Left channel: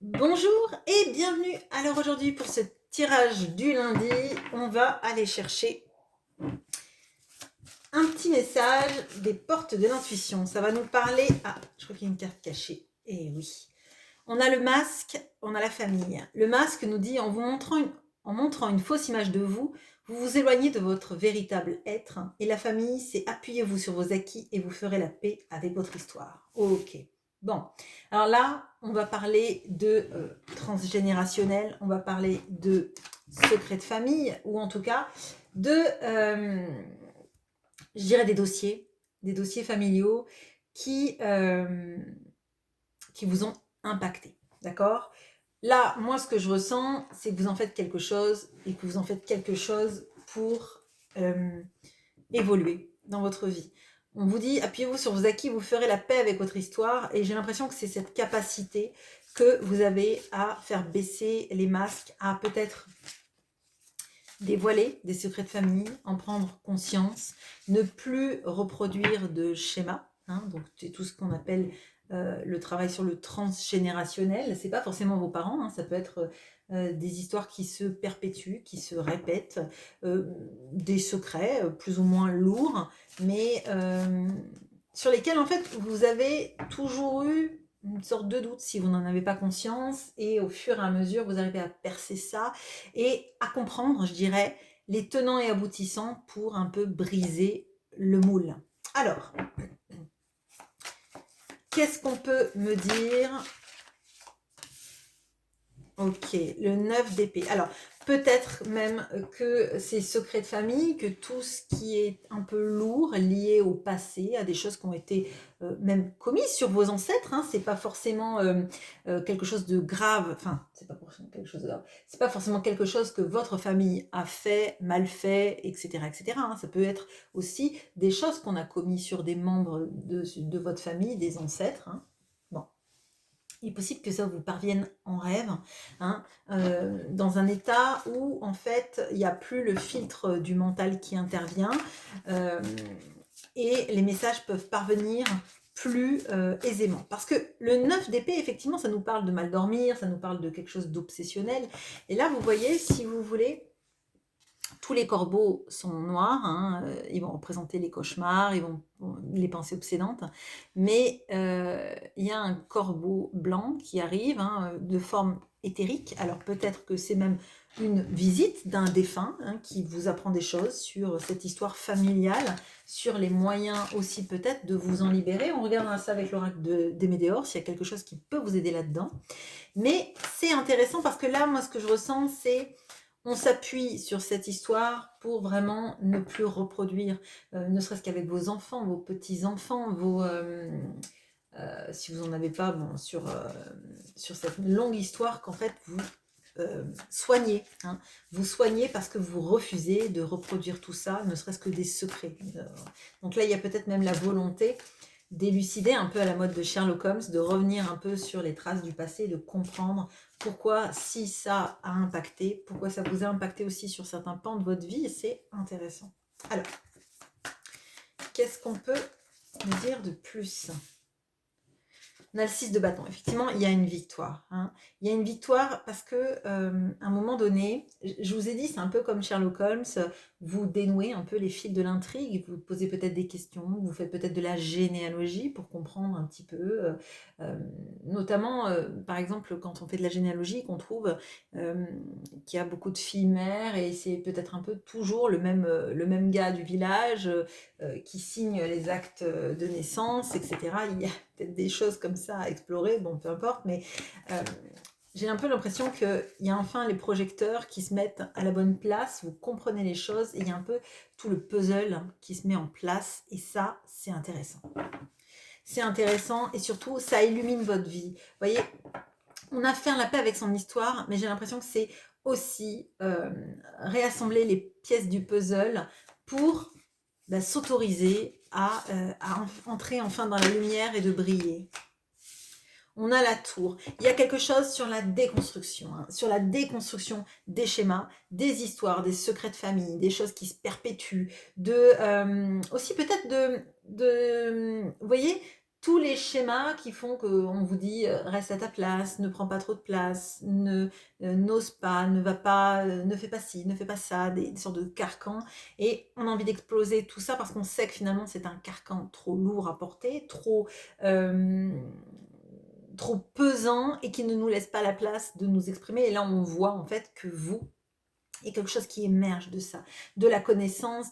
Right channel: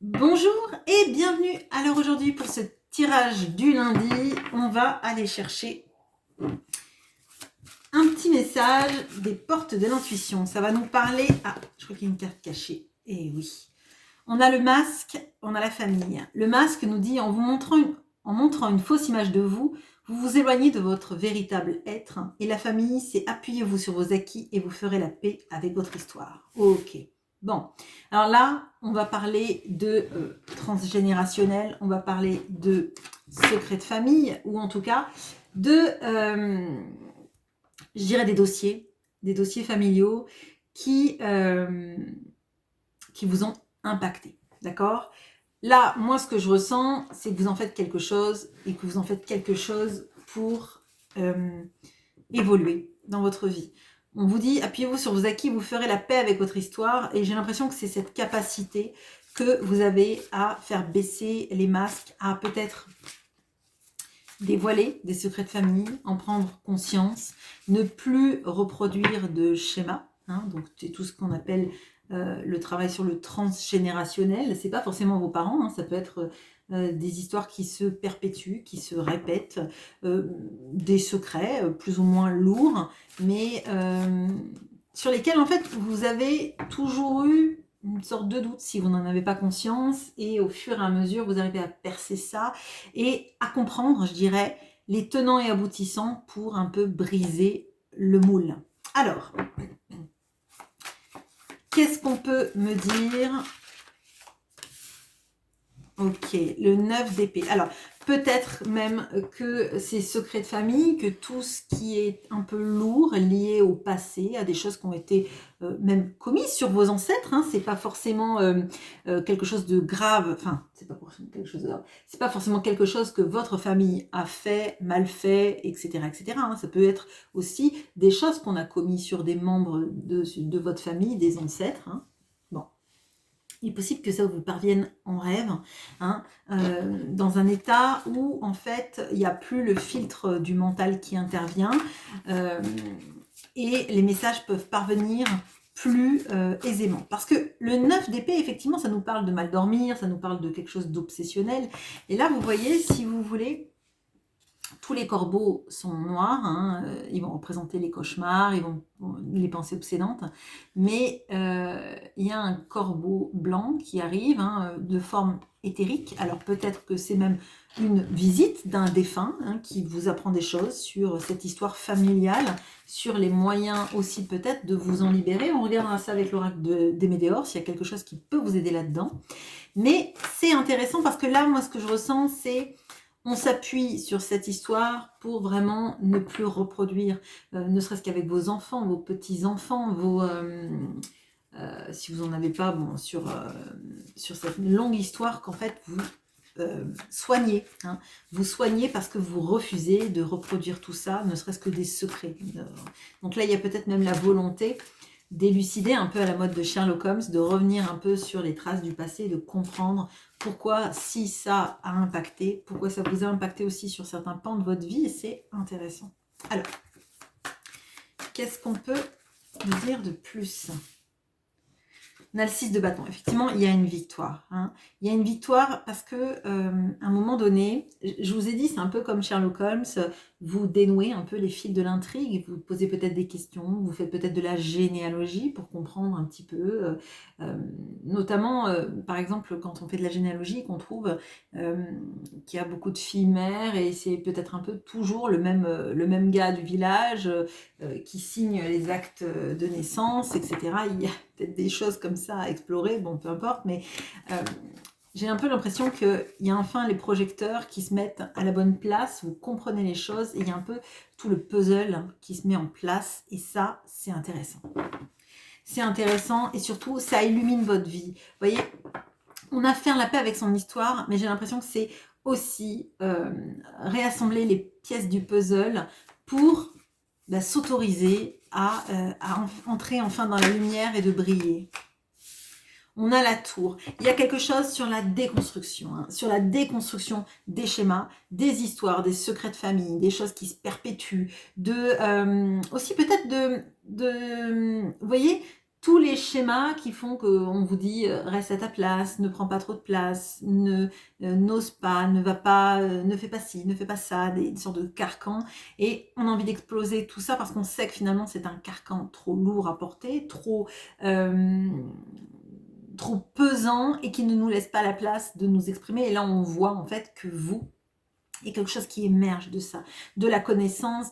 Bonjour et bienvenue. Alors aujourd'hui pour ce tirage du lundi, on va aller chercher un petit message des portes de l'intuition. Ça va nous parler... Ah, je crois qu'il y a une carte cachée. Eh oui. On a le masque, on a la famille. Le masque nous dit en montrant une fausse image de vous, vous vous éloignez de votre véritable être. Et la famille, c'est appuyez-vous sur vos acquis et vous ferez la paix avec votre histoire. Ok. Bon, alors là, on va parler de transgénérationnel, on va parler de secret de famille, ou en tout cas de, je dirais des dossiers familiaux qui, qui vous ont impacté. D'accord? Là, moi, ce que je ressens, c'est que vous en faites quelque chose et que vous en faites quelque chose pour évoluer dans votre vie. On vous dit, appuyez-vous sur vos acquis, vous ferez la paix avec votre histoire. Et j'ai l'impression que c'est cette capacité que vous avez à faire baisser les masques, à peut-être dévoiler des secrets de famille, en prendre conscience, ne plus reproduire de schémas. Donc c'est tout ce qu'on appelle le travail sur le transgénérationnel. C'est pas forcément vos parents, ça peut être des histoires qui se perpétuent, qui se répètent, des secrets plus ou moins lourds, mais sur lesquels en fait vous avez toujours eu une sorte de doute si vous n'en avez pas conscience, et au fur et à mesure vous arrivez à percer ça et à comprendre, je dirais, les tenants et aboutissants pour un peu briser le moule. Alors, qu'est-ce qu'on peut me dire? Ok, le 9 d'épée. Alors, peut-être même que ces secrets de famille, que tout ce qui est un peu lourd, lié au passé, à des choses qui ont été même commises sur vos ancêtres, c'est pas forcément quelque chose de grave, enfin, c'est pas forcément quelque chose de grave, c'est pas forcément quelque chose que votre famille a fait, mal fait, etc., etc. Ça peut être aussi des choses qu'on a commises sur des membres de votre famille, des ancêtres. Bon. Il est possible que ça vous parvienne en rêve, dans un état où en fait il n'y a plus le filtre du mental qui intervient, et les messages peuvent parvenir plus aisément. Parce que le 9 d'épée, effectivement, ça nous parle de mal dormir, ça nous parle de quelque chose d'obsessionnel. Et là, vous voyez, si vous voulez, tous les corbeaux sont noirs, ils vont représenter les cauchemars, les pensées obsédantes, mais il y a un corbeau blanc qui arrive, de forme éthérique. Alors peut-être que c'est même une visite d'un défunt, qui vous apprend des choses sur cette histoire familiale, sur les moyens aussi peut-être de vous en libérer. On regardera ça avec l'oracle des Médéors, s'il y a quelque chose qui peut vous aider là-dedans. Mais c'est intéressant parce que là, moi, ce que je ressens, c'est on s'appuie sur cette histoire pour vraiment ne plus reproduire, ne serait-ce qu'avec vos enfants, vos petits-enfants, si vous n'en avez pas, bon, sur cette longue histoire qu'en fait vous soignez. Vous soignez parce que vous refusez de reproduire tout ça, ne serait-ce que des secrets. Donc là, il y a peut-être même la volonté d'élucider un peu à la mode de Sherlock Holmes, de revenir un peu sur les traces du passé, de comprendre pourquoi, si ça a impacté, pourquoi ça vous a impacté aussi sur certains pans de votre vie, et c'est intéressant. Alors, qu'est-ce qu'on peut me dire de plus? On a le 6 de bâton. Effectivement, il y a une victoire. Il y a une victoire parce que, à un moment donné, je vous ai dit, c'est un peu comme Sherlock Holmes, vous dénouez un peu les fils de l'intrigue, vous posez peut-être des questions, vous faites peut-être de la généalogie pour comprendre un petit peu, notamment, par exemple, quand on fait de la généalogie, qu'on trouve qu'il y a beaucoup de filles mères et c'est peut-être un peu toujours le même gars du village qui signe les actes de naissance, etc. Il y a peut-être des choses comme ça à explorer, bon, peu importe, mais j'ai un peu l'impression qu'il y a enfin les projecteurs qui se mettent à la bonne place, vous comprenez les choses, et il y a un peu tout le puzzle qui se met en place, et ça, c'est intéressant. C'est intéressant, et surtout, ça illumine votre vie. Vous voyez, on a fait la paix avec son histoire, mais j'ai l'impression que c'est aussi réassembler les pièces du puzzle pour s'autoriser à entrer enfin dans la lumière et de briller. On a la tour. Il y a quelque chose sur la déconstruction des schémas, des histoires, des secrets de famille, des choses qui se perpétuent, aussi peut-être vous voyez, tous les schémas qui font qu'on vous dit reste à ta place, ne prends pas trop de place, n'ose pas, ne va pas, ne fais pas ci, ne fais pas ça, des sortes de carcans. Et on a envie d'exploser tout ça parce qu'on sait que finalement c'est un carcan trop lourd à porter, euh, trop pesant et qui ne nous laisse pas la place de nous exprimer. Et là on voit en fait que vous, il y a quelque chose qui émerge de ça, de la connaissance,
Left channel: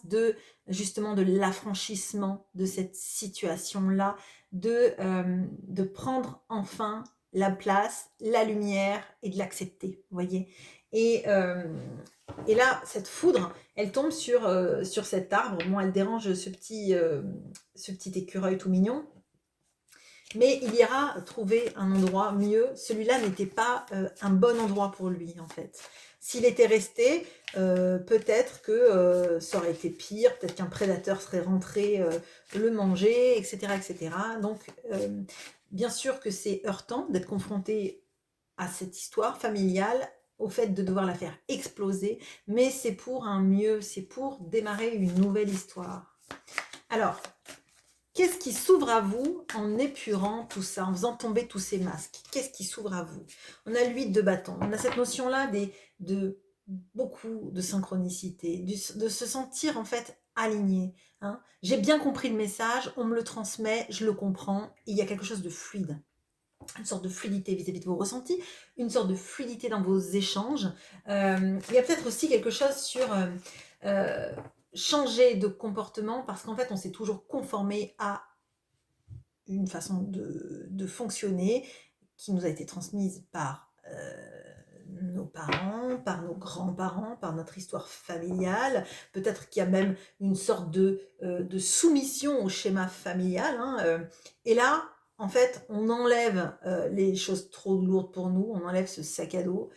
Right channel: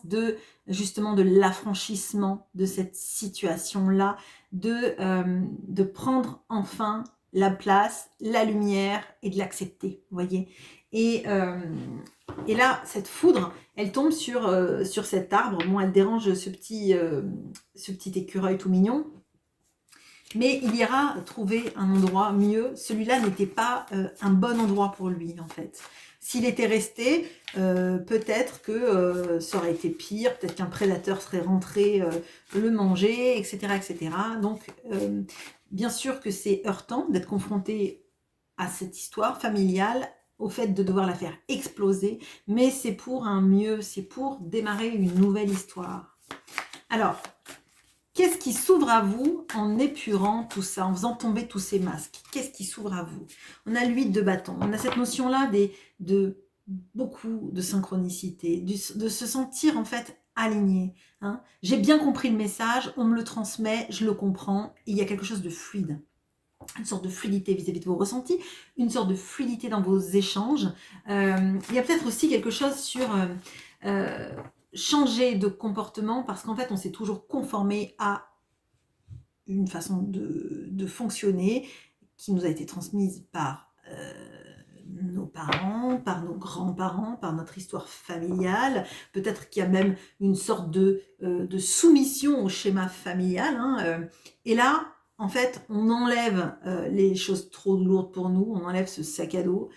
justement de l'affranchissement de cette situation-là, de prendre enfin la place, la lumière et de l'accepter, vous voyez. Et là, cette foudre, elle tombe sur cet arbre. Bon, elle dérange ce petit écureuil tout mignon, mais il ira trouver un endroit mieux. Celui-là n'était pas un bon endroit pour lui, en fait. S'il était resté, peut-être que ça aurait été pire, peut-être qu'un prédateur serait rentré le manger, etc., etc. Donc, bien sûr que c'est heurtant d'être confronté à cette histoire familiale, au fait de devoir la faire exploser, mais c'est pour un mieux, c'est pour démarrer une nouvelle histoire. Alors, qu'est-ce qui s'ouvre à vous en épurant tout ça, en faisant tomber tous ces masques? Qu'est-ce qui s'ouvre à vous? On a l'huile de bâton, on a cette notion-là de beaucoup de synchronicité, de se sentir en fait aligné. Hein. J'ai bien compris le message, on me le transmet, je le comprends, et il y a quelque chose de fluide. Une sorte de fluidité vis-à-vis de vos ressentis, une sorte de fluidité dans vos échanges. Il y a peut-être aussi quelque chose sur changer de comportement parce qu'en fait, on s'est toujours conformé à une façon de fonctionner qui nous a été transmise par nos parents, par nos grands-parents, par notre histoire familiale. Peut-être qu'il y a même une sorte de soumission au schéma familial. Hein, et là, en fait, on enlève les choses trop lourdes pour nous, on enlève ce sac à dos,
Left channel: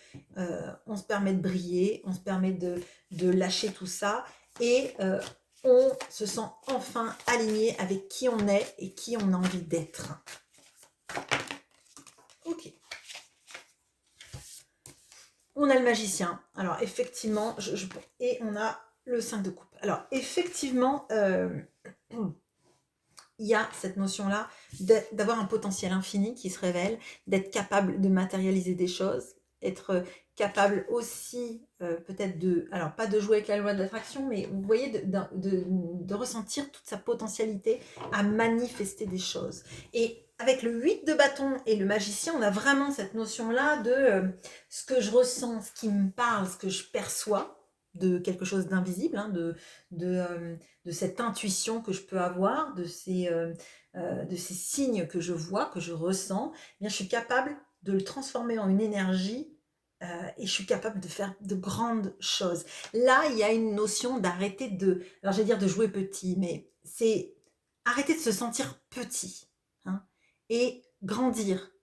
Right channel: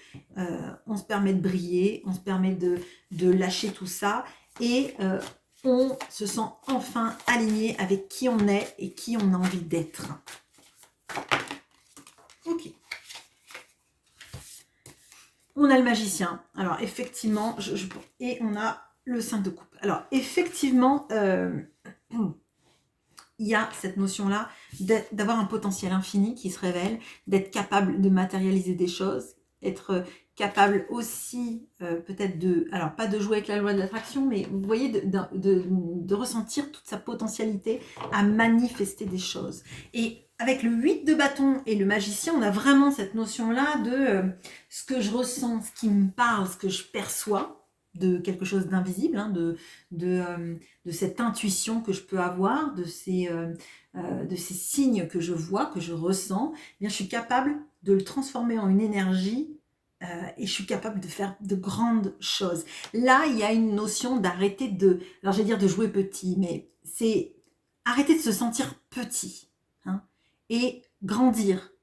on se permet de briller, on se permet de lâcher tout ça et on se sent enfin aligné avec qui on est et qui on a envie d'être. Ok. On a le magicien. Alors, effectivement, et on a le 5 de coupe. Alors, effectivement, il y a cette notion-là d'avoir un potentiel infini qui se révèle, d'être capable de matérialiser des choses, être capable aussi peut-être alors pas de jouer avec la loi de l'attraction, mais vous voyez, de ressentir toute sa potentialité à manifester des choses. Et avec le 8 de bâton et le magicien, on a vraiment cette notion-là de ce que je ressens, ce qui me parle, ce que je perçois de quelque chose d'invisible, hein, de cette intuition que je peux avoir, de ces signes que je vois, que je ressens, eh bien, je suis capable de le transformer en une énergie et je suis capable de faire de grandes choses. Là, il y a une notion d'arrêter alors je vais dire de jouer petit, mais c'est arrêter de se sentir petit hein, et grandir.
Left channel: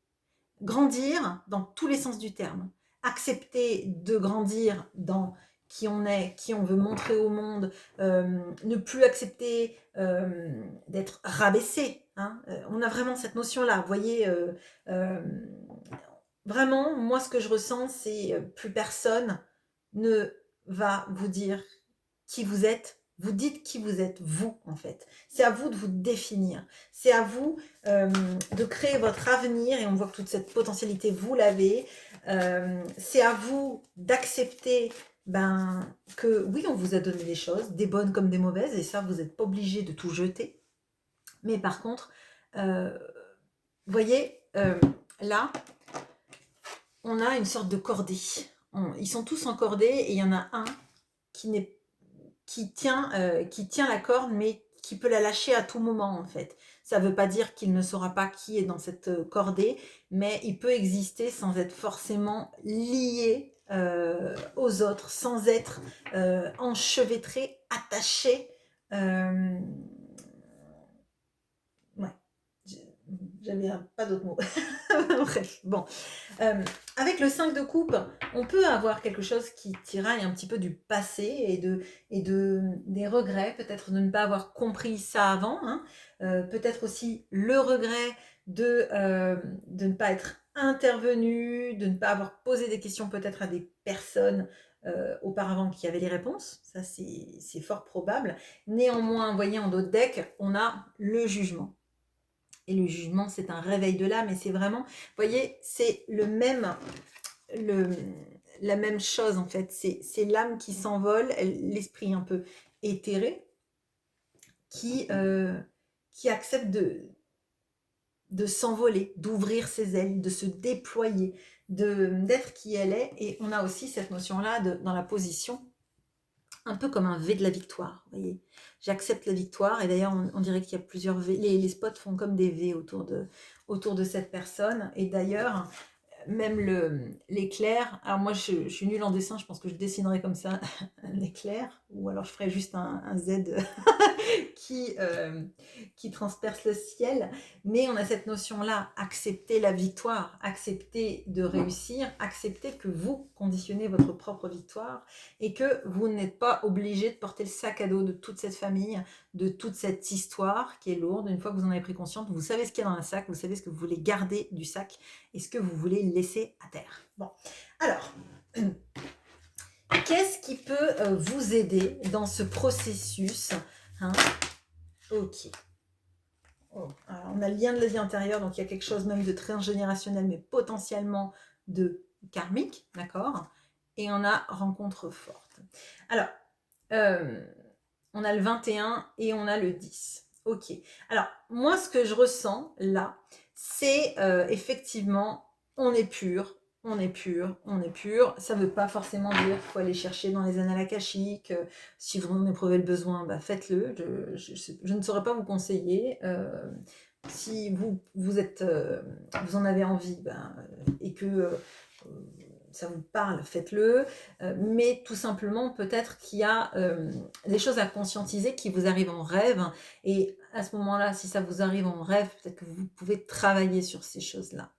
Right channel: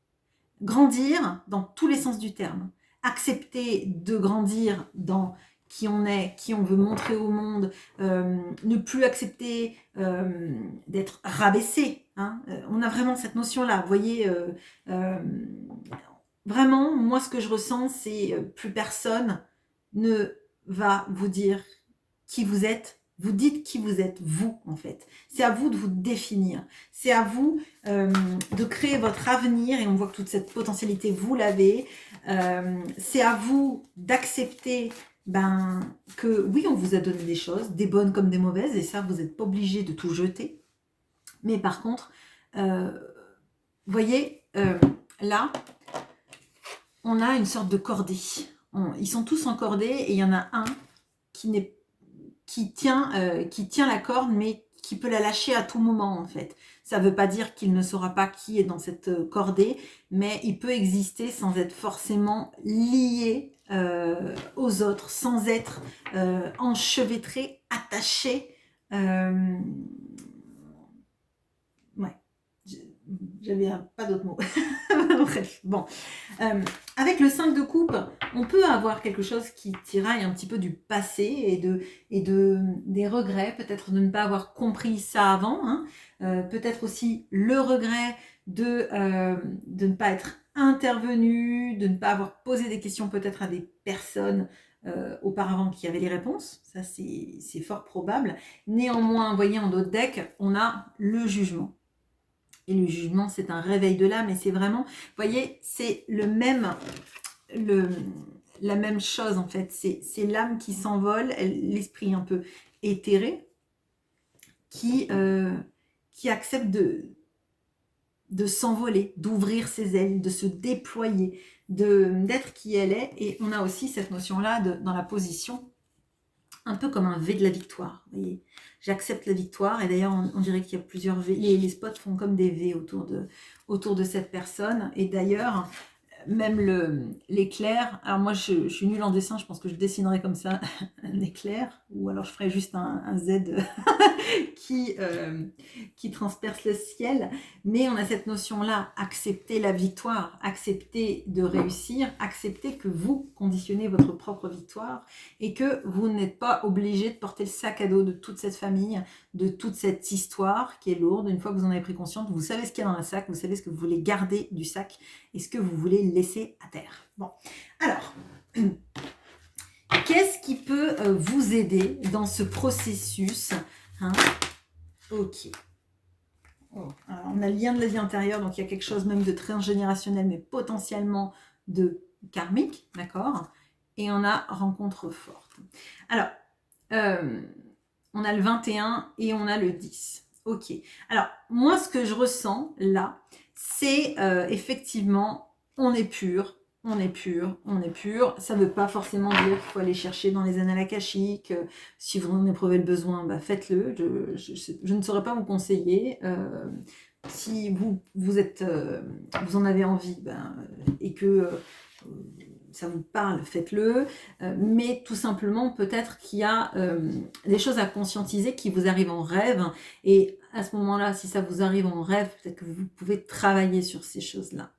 Grandir dans tous les sens du terme. Accepter de grandir dans qui on est, qui on veut montrer au monde, ne plus accepter d'être rabaissé. Hein. On a vraiment cette notion-là. Vous voyez, vraiment, moi, ce que je ressens, c'est plus personne ne va vous dire qui vous êtes. Vous dites qui vous êtes, vous, en fait. C'est à vous de vous définir. C'est à vous de créer votre avenir. Et on voit que toute cette potentialité, vous l'avez. C'est à vous d'accepter que oui, on vous a donné des choses, des bonnes comme des mauvaises. Et ça, vous n'êtes pas obligé de tout jeter. Mais par contre, vous voyez, là, on a une sorte de cordée. Ils sont tous en cordée et il y en a un qui tient la corde, mais qui peut la lâcher à tout moment, en fait. Ça ne veut pas dire qu'il ne saura pas qui est dans cette cordée, mais il peut exister sans être forcément lié aux autres, sans être enchevêtré, attaché. Ouais, j'avais pas d'autres mots. Bref, bon. Avec le 5 de coupe, on peut avoir quelque chose qui tiraille un petit peu du passé et des regrets, peut-être de ne pas avoir compris ça avant, hein. Peut-être aussi le regret de ne pas être intervenu, de ne pas avoir posé des questions peut-être à des personnes auparavant qui avaient les réponses. Ça, c'est fort probable. Néanmoins, vous voyez, en d'autres decks, on a le jugement. Et le jugement, c'est un réveil de l'âme, et c'est vraiment, vous voyez, c'est la même chose en fait. C'est l'âme qui s'envole, l'esprit un peu éthéré, qui accepte de s'envoler, d'ouvrir ses ailes, de se déployer, d'être qui elle est. Et on a aussi cette notion-là dans la position, un peu comme un V de la victoire. Vous voyez, j'accepte la victoire. Et d'ailleurs, on dirait qu'il y a plusieurs V. Les spots font comme des V autour de cette personne. Et d'ailleurs, même l'éclair, alors moi je suis nulle en dessin, je pense que je dessinerai comme ça un éclair, ou alors je ferai juste un Z qui transperce le ciel, mais on a cette notion-là, accepter la victoire, accepter de réussir, accepter que vous conditionnez votre propre victoire et que vous n'êtes pas obligé de porter le sac à dos de toute cette famille, de toute cette histoire qui est lourde. Une fois que vous en avez pris conscience, vous savez ce qu'il y a dans le sac, vous savez ce que vous voulez garder du sac et ce que vous voulez laisser à terre. Bon, alors, qu'est-ce qui peut vous aider dans ce processus, hein? Ok. Oh, alors on a le lien de la vie intérieure, donc il y a quelque chose même de transgénérationnel, mais potentiellement de karmique, d'accord? Et on a rencontre forte. Alors, on a le 21 et on a le 10. Ok. Alors, moi, ce que je ressens là, c'est effectivement, on est pur, on est pur, on est pur. Ça ne veut pas forcément dire qu'il faut aller chercher dans les annales akashiques. Si vous en éprouvez le besoin, bah faites-le. Je ne saurais pas vous conseiller. Si vous en avez envie et que ça vous parle, faites-le. Mais tout simplement, peut-être qu'il y a des choses à conscientiser qui vous arrivent en rêve. Et à ce moment-là, si ça vous arrive en rêve, peut-être que vous pouvez travailler sur ces choses-là.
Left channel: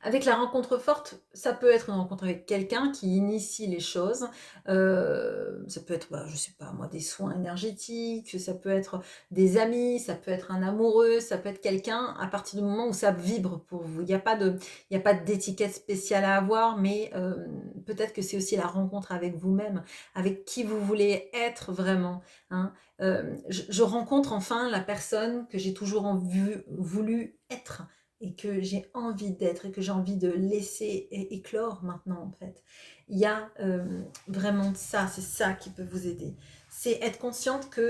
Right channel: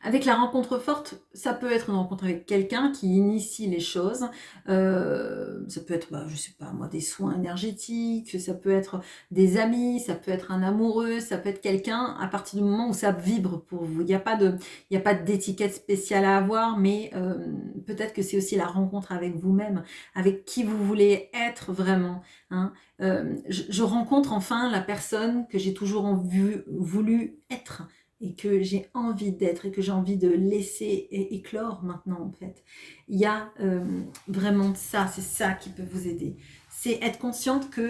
Avec la rencontre forte, ça peut être une rencontre avec quelqu'un qui initie les choses. Ça peut être, je sais pas moi, des soins énergétiques, ça peut être des amis, ça peut être un amoureux, ça peut être quelqu'un à partir du moment où ça vibre pour vous. Il n'y a pas d'étiquette spéciale à avoir, mais peut-être que c'est aussi la rencontre avec vous-même, avec qui vous voulez être vraiment, hein. Je rencontre enfin la personne que j'ai toujours voulu être et que j'ai envie d'être et que j'ai envie de laisser éclore maintenant en fait. Il y a vraiment ça, c'est ça qui peut vous aider. C'est être consciente que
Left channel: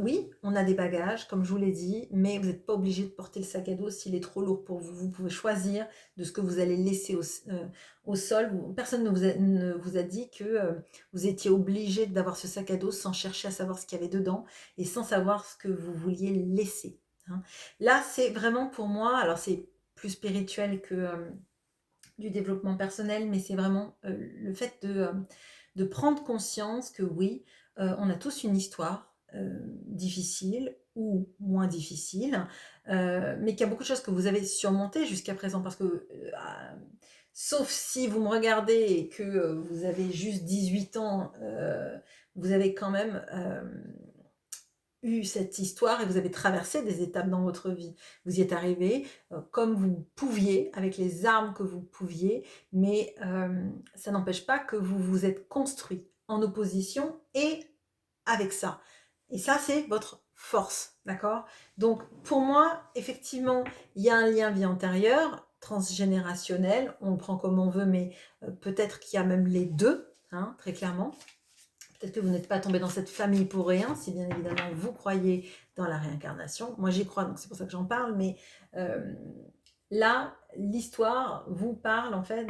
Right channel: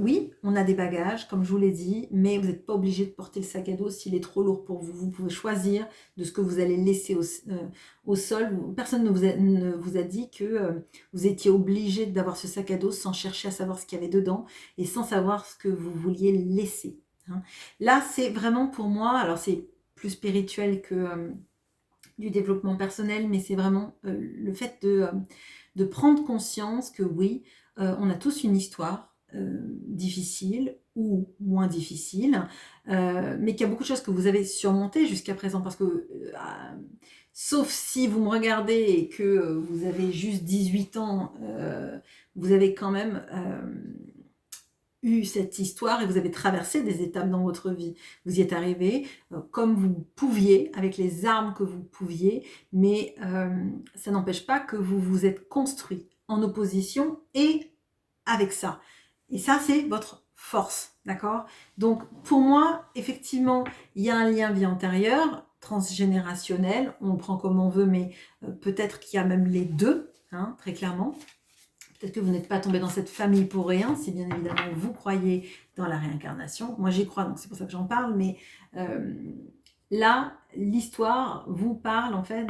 oui, on a des bagages, comme je vous l'ai dit, mais vous n'êtes pas obligé de porter le sac à dos s'il est trop lourd pour vous. Vous pouvez choisir de ce que vous allez laisser au sol. Personne ne vous a dit que vous étiez obligé d'avoir ce sac à dos sans chercher à savoir ce qu'il y avait dedans et sans savoir ce que vous vouliez laisser. Là, c'est vraiment pour moi, alors c'est plus spirituel que du développement personnel, mais c'est vraiment le fait de prendre conscience que oui, on a tous une histoire difficile ou moins difficile, mais qu'il y a beaucoup de choses que vous avez surmontées jusqu'à présent, parce que sauf si vous me regardez et que vous avez juste 18 ans, vous avez quand même eu cette histoire et vous avez traversé des étapes dans votre vie. Vous y êtes arrivé comme vous pouviez, avec les armes que vous pouviez, mais ça n'empêche pas que vous vous êtes construit en opposition et avec ça. Et ça, c'est votre force, d'accord? Donc, pour moi, effectivement, il y a un lien vie antérieure, transgénérationnel, on le prend comme on veut, mais peut-être qu'il y a même les deux, hein, très clairement. Peut-être que vous n'êtes pas tombé dans cette famille pour rien, si bien évidemment vous croyez dans la réincarnation. Moi j'y crois, donc c'est pour ça que j'en parle, mais là, l'histoire vous parle en fait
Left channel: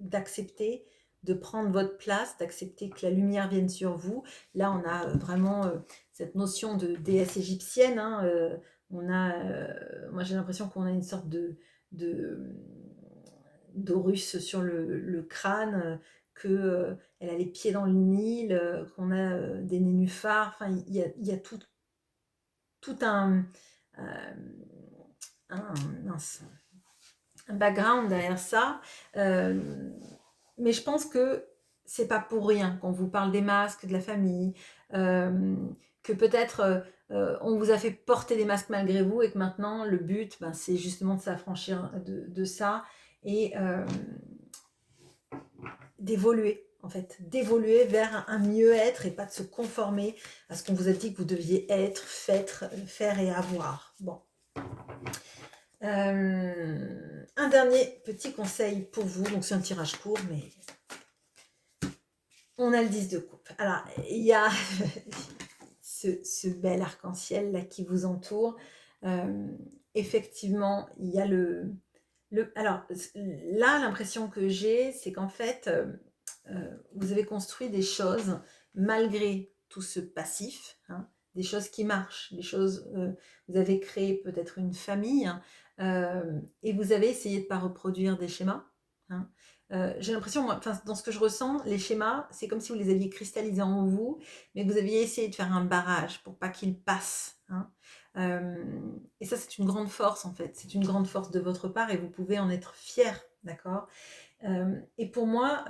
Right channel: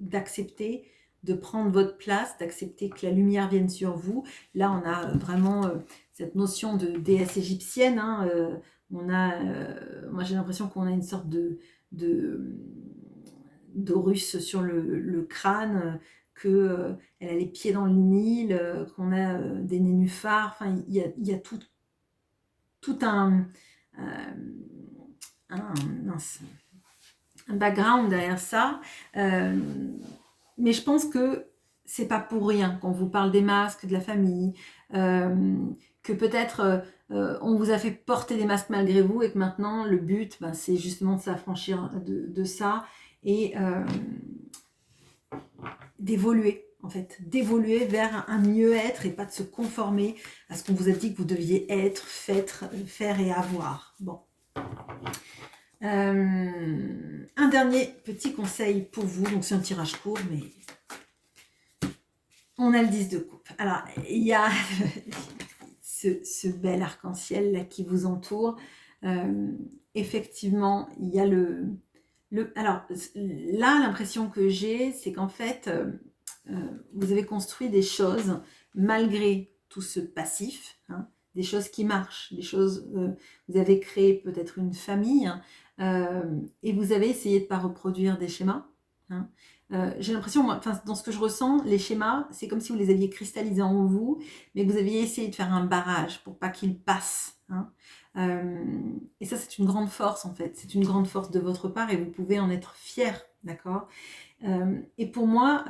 d'accepter, de prendre votre place, d'accepter que la lumière vienne sur vous. Là, on a vraiment cette notion de déesse égyptienne. Hein, moi j'ai l'impression qu'on a une sorte d'Horus sur le crâne, qu'elle a les pieds dans le Nil, qu'on a des nénuphars, enfin il y a tout un background derrière ça, mais je pense que c'est pas pour rien qu'on vous parle des masques, de la famille, que peut-être on vous a fait porter des masques malgré vous et que maintenant le but c'est justement de s'affranchir de ça et d'évoluer en fait, d'évoluer vers un mieux-être et pas de se conformer à ce qu'on vous a dit que vous deviez être, faire et avoir. Bon. Un dernier petit conseil pour vous. Donc, c'est un tirage court, mais on a le 10 de coupe. Alors, il y a ce bel arc-en-ciel là qui vous entoure. Effectivement, il y a alors, là, l'impression que j'ai, c'est qu'en fait, vous avez construit des choses malgré tout ce passif, hein, des choses qui marchent, des choses, vous avez créé peut-être une famille, et vous avez essayé de ne pas reproduire des schémas, hein. J'ai l'impression, enfin, dans ce que je ressens, les schémas, c'est comme si vous les aviez cristallisés en vous, mais que vous aviez essayé de faire un barrage pour pas qu'ils passent, hein. Et ça, c'est une grande force en fait, c'est une grande force de votre part et vous pouvez en être fier, d'accord? Et pour moi,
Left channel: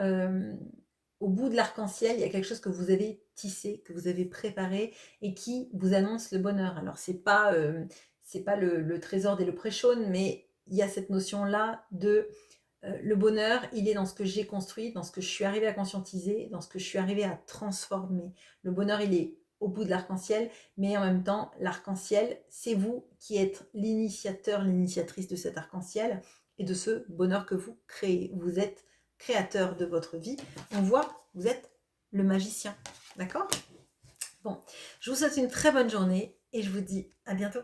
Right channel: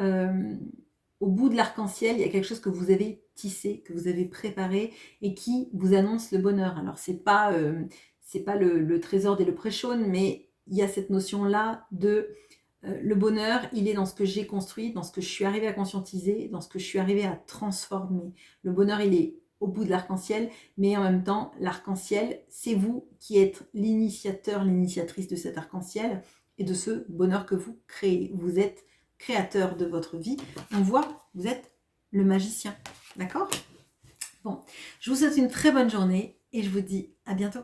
au bout de l'arc-en-ciel, il y a quelque chose que vous avez tissé, que vous avez préparé et qui vous annonce le bonheur. Alors, c'est pas le trésor des Leprechauns, mais il y a cette notion-là de le bonheur, il est dans ce que j'ai construit, dans ce que je suis arrivée à conscientiser, dans ce que je suis arrivée à transformer. Le bonheur, il est au bout de l'arc-en-ciel, mais en même temps, l'arc-en-ciel, c'est vous qui êtes l'initiateur, l'initiatrice de cet arc-en-ciel et de ce bonheur que vous créez. Vous êtes créateur de votre vie. On voit, vous êtes le magicien. D'accord? Bon, je vous souhaite une très bonne journée et je vous dis à bientôt.